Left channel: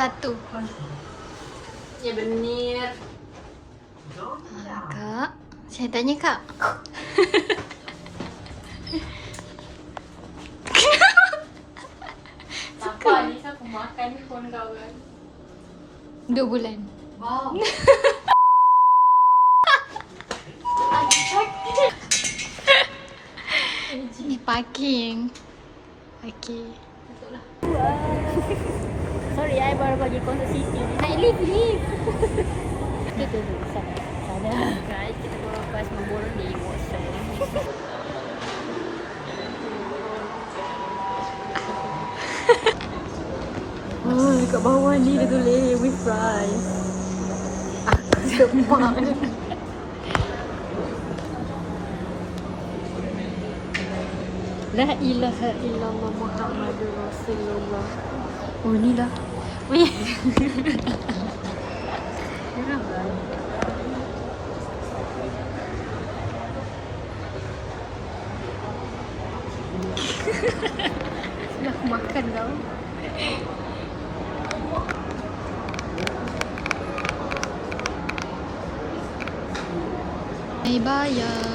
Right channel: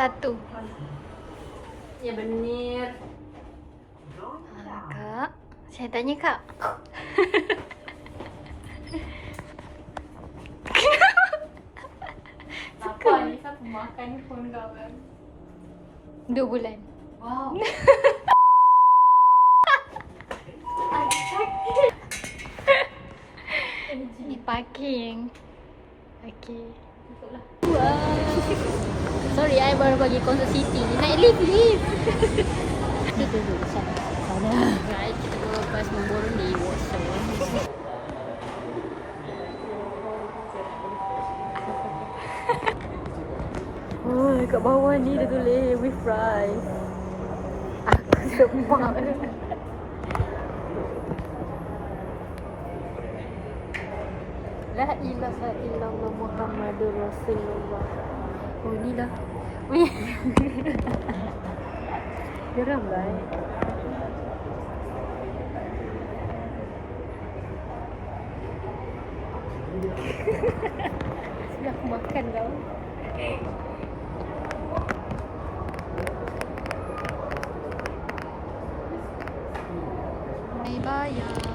satu. Ya benar. Kak, saya tanya kak. Apa ni aku makan pun kau kan. 2 bulan. Wow. Ni parking. Okay. Sorry, I baru bagi konsert Siti. Naik lift. Kita duduk sana. Guys, kita bawa lepas memborong dari Watson. Oh, kat bawah ni dia tulis with fries. Aku sepak. La ilaha illallah Muhammadur Rasulullah. Oh ni lah. Geram lah. Sudah aku makan kau. Mai bayar.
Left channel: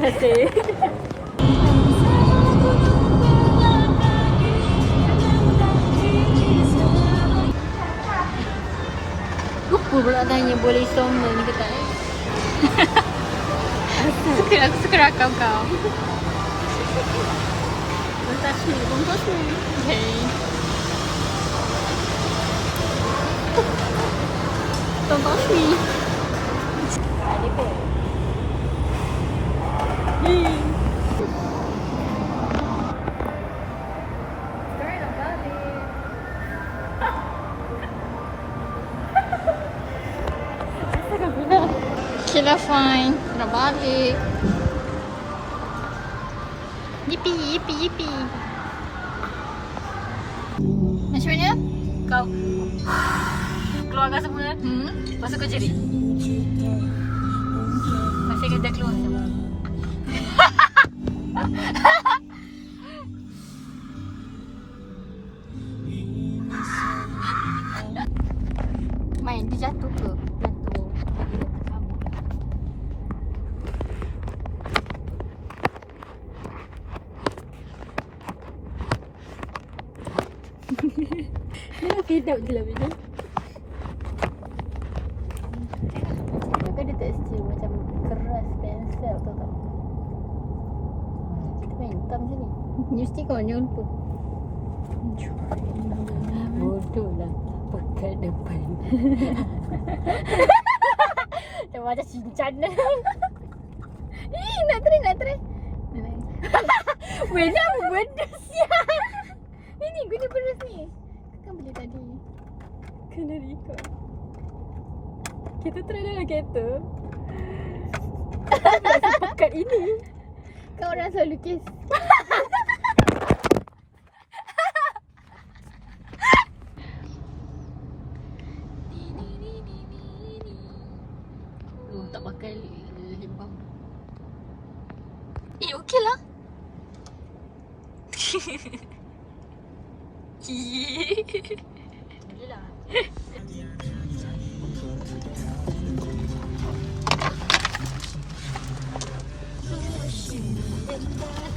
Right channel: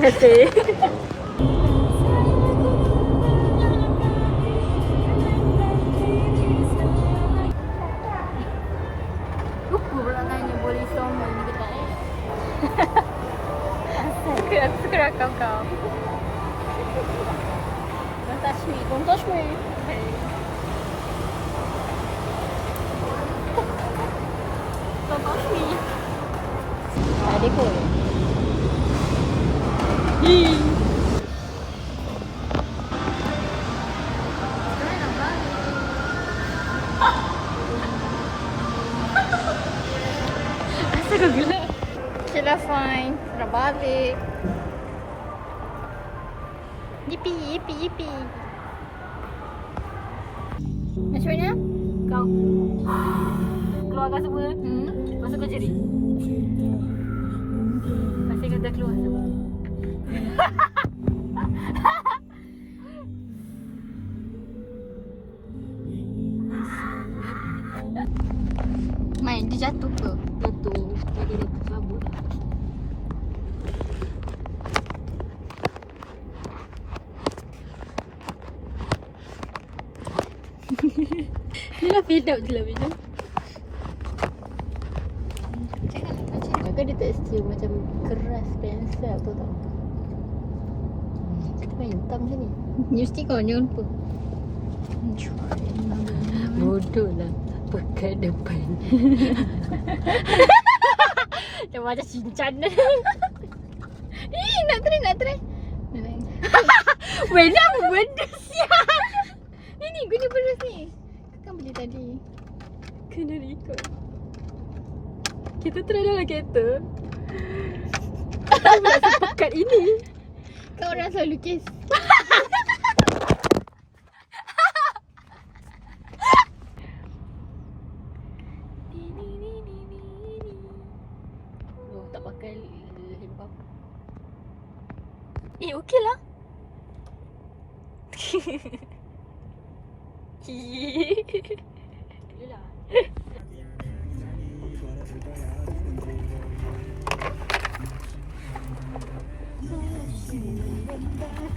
Okay. Lupa pula tanya boleh soma ni ke tak Aku suka rakam kau. Don't touch me, don't touch me. Okay. Don't touch me. Adik pun. Asal kau gelap? Okay lah fine. Nak balik. Yippee, yippee, yippee. Macam mana? Kau keluarkan semua. Masuk ke jari. Masih kita keluar semua. Mai, dia jatuh ke? Jatuh. Tadi dia kabut dah. Ni lah fade out je lah video. Kan dia tekstur macam keras pensel tu tau. Kita main hitam macam ni. Mesti kau ni lupa. Bodoh lah. Pekat depan. Dia macam cincang. Nak try. Weh, ni apa benda siap? Ni guna benda ni. Kau kan beli tadi. Kena record. Kita try dalam kereta. Kita pula sepekat ini. Kau orang selalu lukis. Oh, tak pakai lembam. Okey lah. Boleh lah.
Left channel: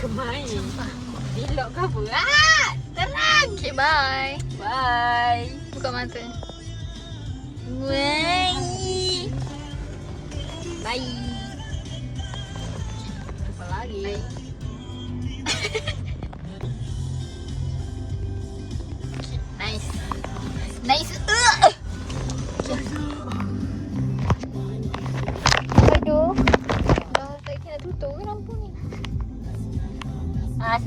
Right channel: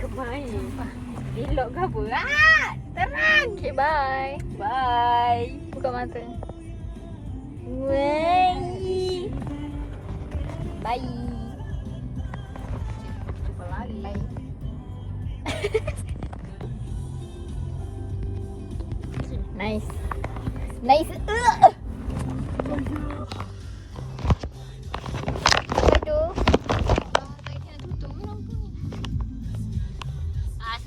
Kemain. Elok ke apa? Terang. Okay, bye. Bye. Buka mata. Bye. Bye. Apa lagi? Bye. Nice.